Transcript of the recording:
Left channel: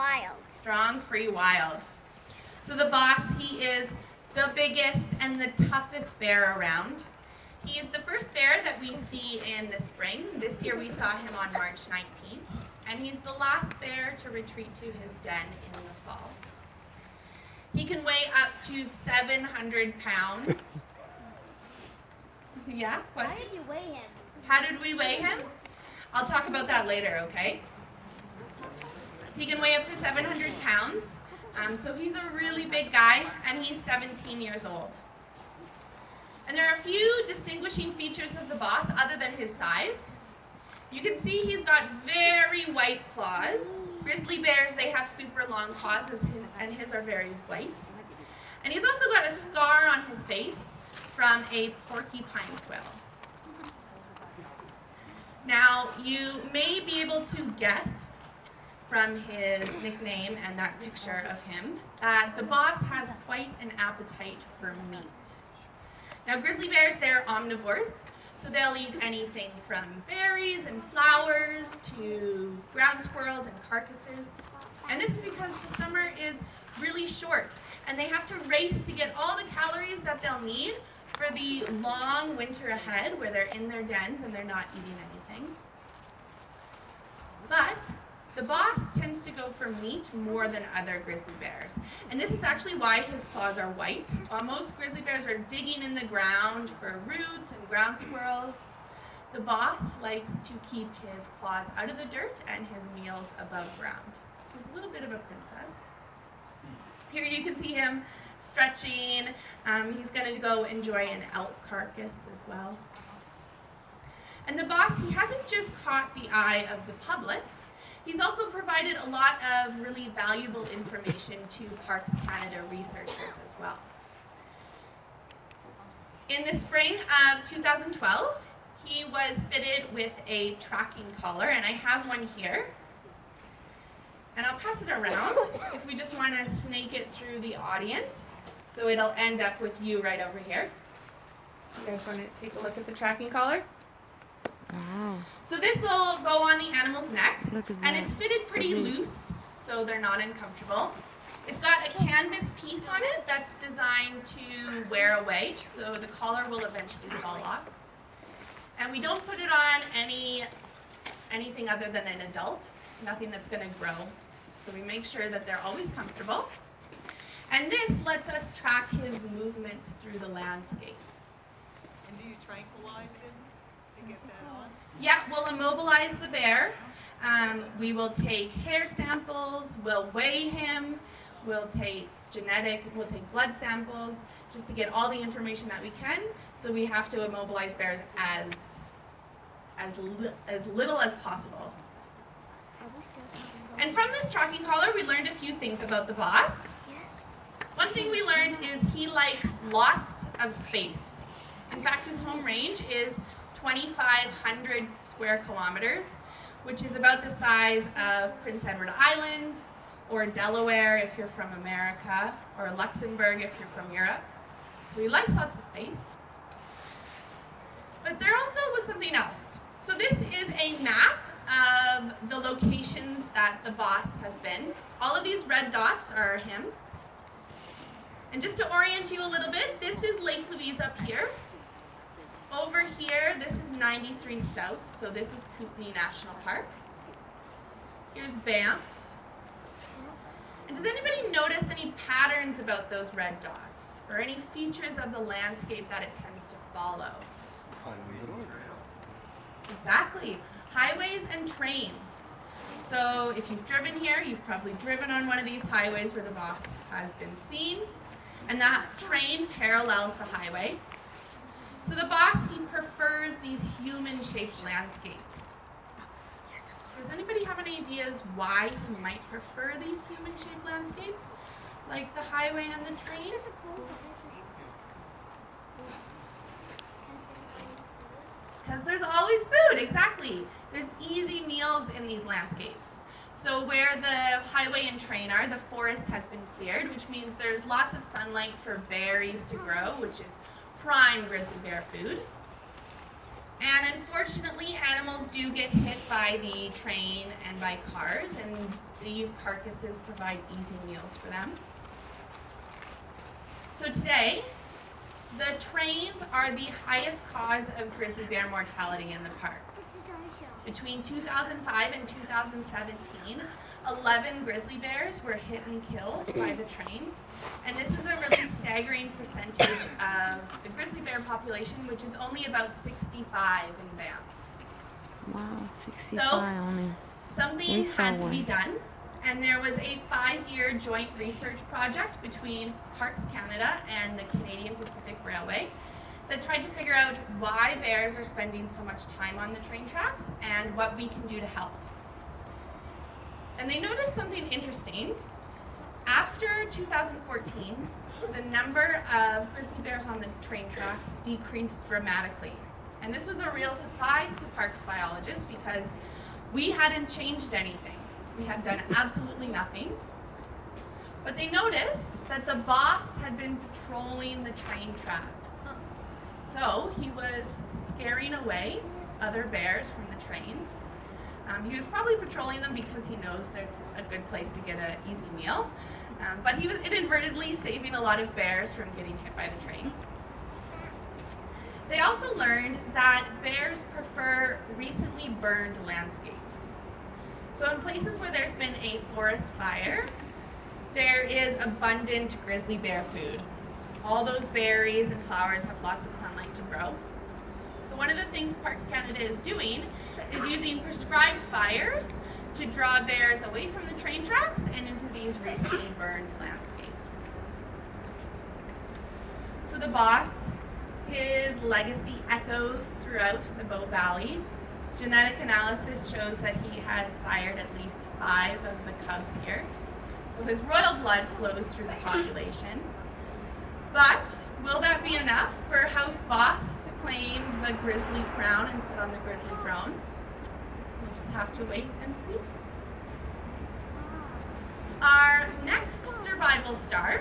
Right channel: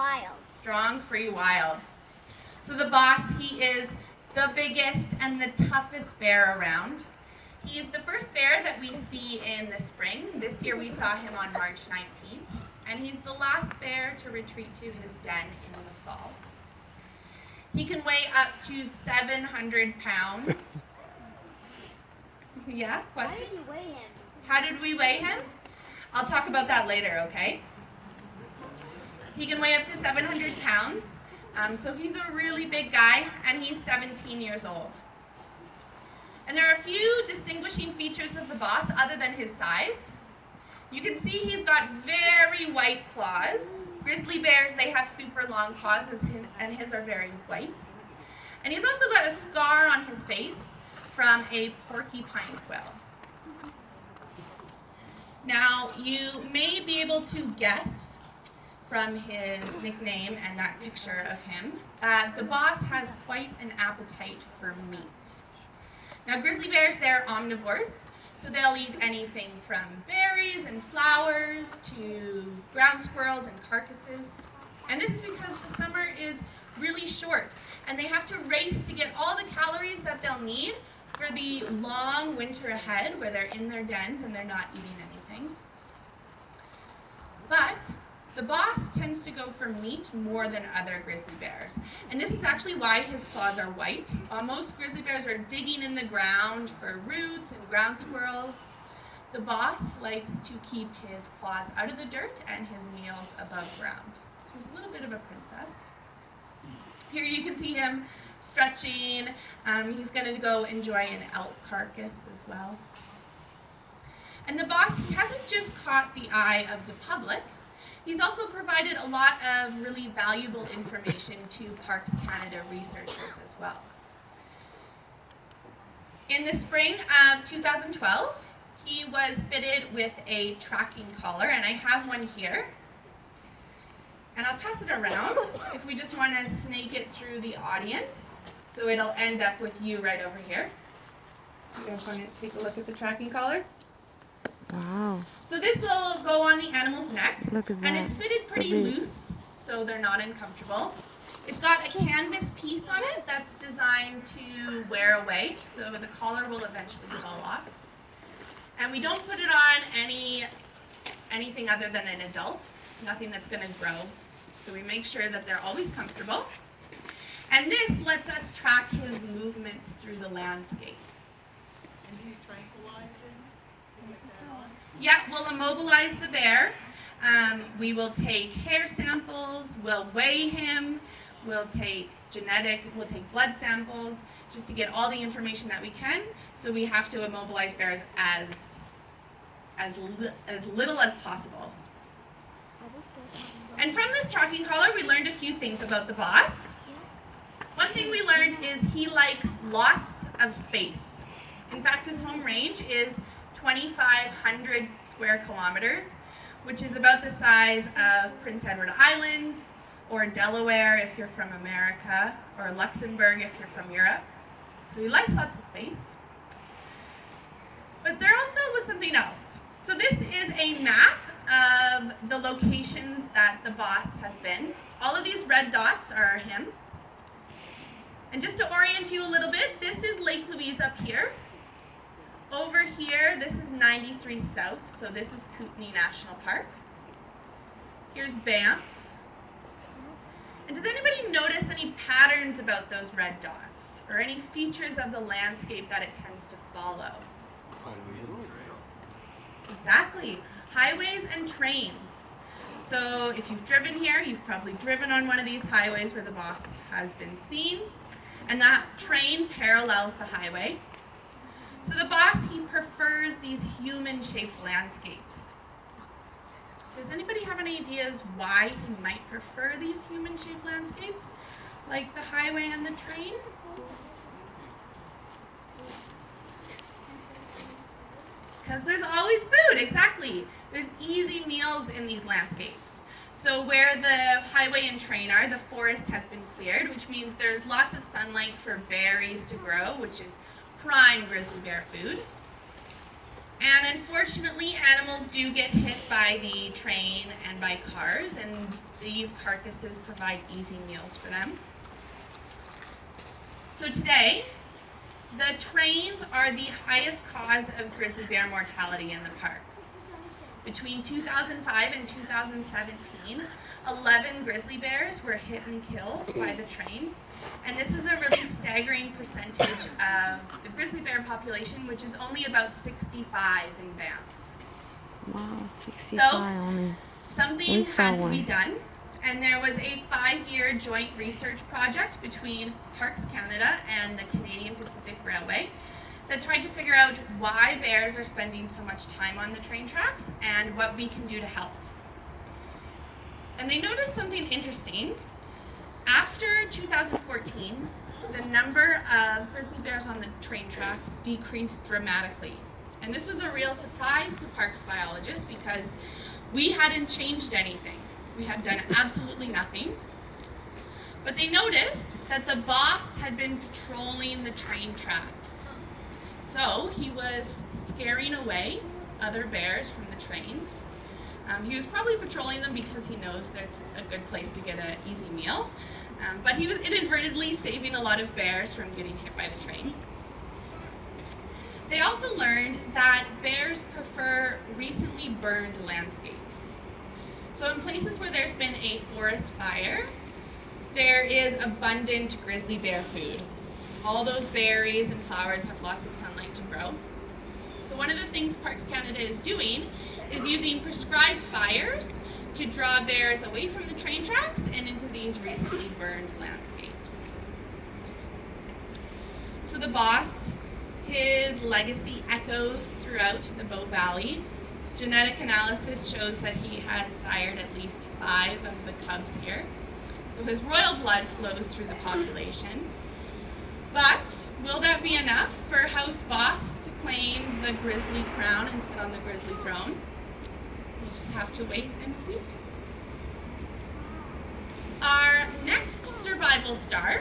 wild. Strong, free, wild. So the boss, he is the biggest and the toughest bear around. He's the first bear that we see in the spring. This year we saw him on March 19th. And he's the last bear to retreat to his den in the fall. He can weigh up to 700 pounds. Yeah, question? How did you weigh him? How did we weigh him? I'll talk about that later, okay? He can weigh up to 700 pounds. So he's a really big guy, and he's 17 years old. And there are a few distinguishing features of the boss other than his size. You can see he's got very white claws. Grizzly bears, they have super long claws, and his are very white. And he's also got a scar on his face from a porcupine quill. Now, you may be able to guess from his nickname and that picture of him, the boss has quite an appetite for meat. Now, grizzly bears, they're omnivores, so they'll eat anything from berries and flowers to ground squirrels and carcasses. And this is because the summer is really short, and they have to race to get all the calories that they'll need for the long winter ahead where they're in their dens and they're not eating anything. But the boss tends to go for meat more than other grizzly bears. And this is actually why his claws are white. While most grizzly bears are digging in the ground for roots and ground squirrels, the boss likes to keep his claws out of the dirt and his meals above ground. So he's a little bit of a princess. Here you can see him stretching. He's going to go enjoy an elk carcass as well. And the boss, he hasn't just caught the eye of the public. He's also provided a lot of really valuable information to Parks Canada researchers as well. In the spring of 2012, he was fitted with a tracking collar, and I have one here. And I'll pass it around if we just want to snake it through the audience. So it'll end up with you right over here. You guys want to take a look at the tracking collar? Wow. So this will go on the animal's neck, Look at and that. it's fitted So pretty big. loose, so they're not uncomfortable. It's got a canvas piece on it that's designed to wear away, so the collar will eventually fall off. And we don't put it on anything other than an adult, nothing that's going to grow. So we make sure that they're always comfortable. And this lets us track his movements through the landscape. And do you tranquilize him to get that on? Yeah, we'll immobilize the bear. We will take hair samples, we'll weigh him, we'll take blood samples, just to get all the information that we can. So we have to immobilize bears as little as possible. And from this tracking collar, we learned a few things about the boss. One thing we learned is he likes lots of space. In fact, his home range is 2,500 square kilometers, which is about the size of Prince Edward Island, or Delaware if you're from America, or Luxembourg if you're from Europe. So he likes lots of space. But there also was something else. So this is a map of the locations that the boss has been. All of these red dots are him. And just to orient you a little bit, this is Lake Louise up here. Over here, this is 93 South, so this is Kootenay National Park. Here's Banff. And does anybody notice any patterns about those red dots, or any features of the landscape that it tends to follow? Exactly. Highways and trains. So if you've driven here, you've probably driven on one of these highways where the boss has been seen. And that train parallels the highway. So the boss, he prefers these human-shaped landscapes. Does anybody have any ideas why he might prefer these human-shaped landscapes, like the highway and the train? Because there's always food, exactly. There's easy meals in these landscapes. So where the highway and train are, the forest has been cleared, which means there's lots of sunlight for berries to grow, which is prime grizzly bear food. And unfortunately, animals do get hit by the train and by cars, and these carcasses provide easy meals for them. So today, the trains are the highest cause of grizzly bear mortality in the park. Between 2005 and 2017, 11 grizzly bears were hit and killed by the train. And this is a really staggering percentage of the grizzly bear population, which is only about 65 in Banff. Wow, 65 only. Something had to be done, and there was a 5-year joint research project between Parks Canada and the Canadian Pacific Railway that tried to figure out why bears are spending so much time on the train tracks and what we can do to help. And they noticed something interesting. After 2014, the number of grizzly bears on the train tracks decreased dramatically. And this was a real surprise to parks biologists because we hadn't changed anything. We had done absolutely nothing. But they noticed that the boss had been patrolling the train tracks. So he was scaring away other bears from the trains. He was probably patrolling them because he knows that's a good place to get an easy meal. But he was inadvertently saving a lot of bears from getting hit by the train. They also learned that bears prefer recently burned landscapes. So in places where there's been a forest fire, there is abundant grizzly bear food. All those berries and flowers have lots of sunlight to grow. So one of the things Parks Canada is doing is using prescribed fires to draw bears away from the train tracks and into these recently burned landscapes. So the boss, his legacy echoes throughout the Bow Valley. Genetic analysis shows that he has sired at least 5 of the cubs here. So his royal blood flows through the population. But will that be enough for House Boss to claim the grizzly crown and sit on the grizzly throne? We'll just have to wait and see. Our next survival star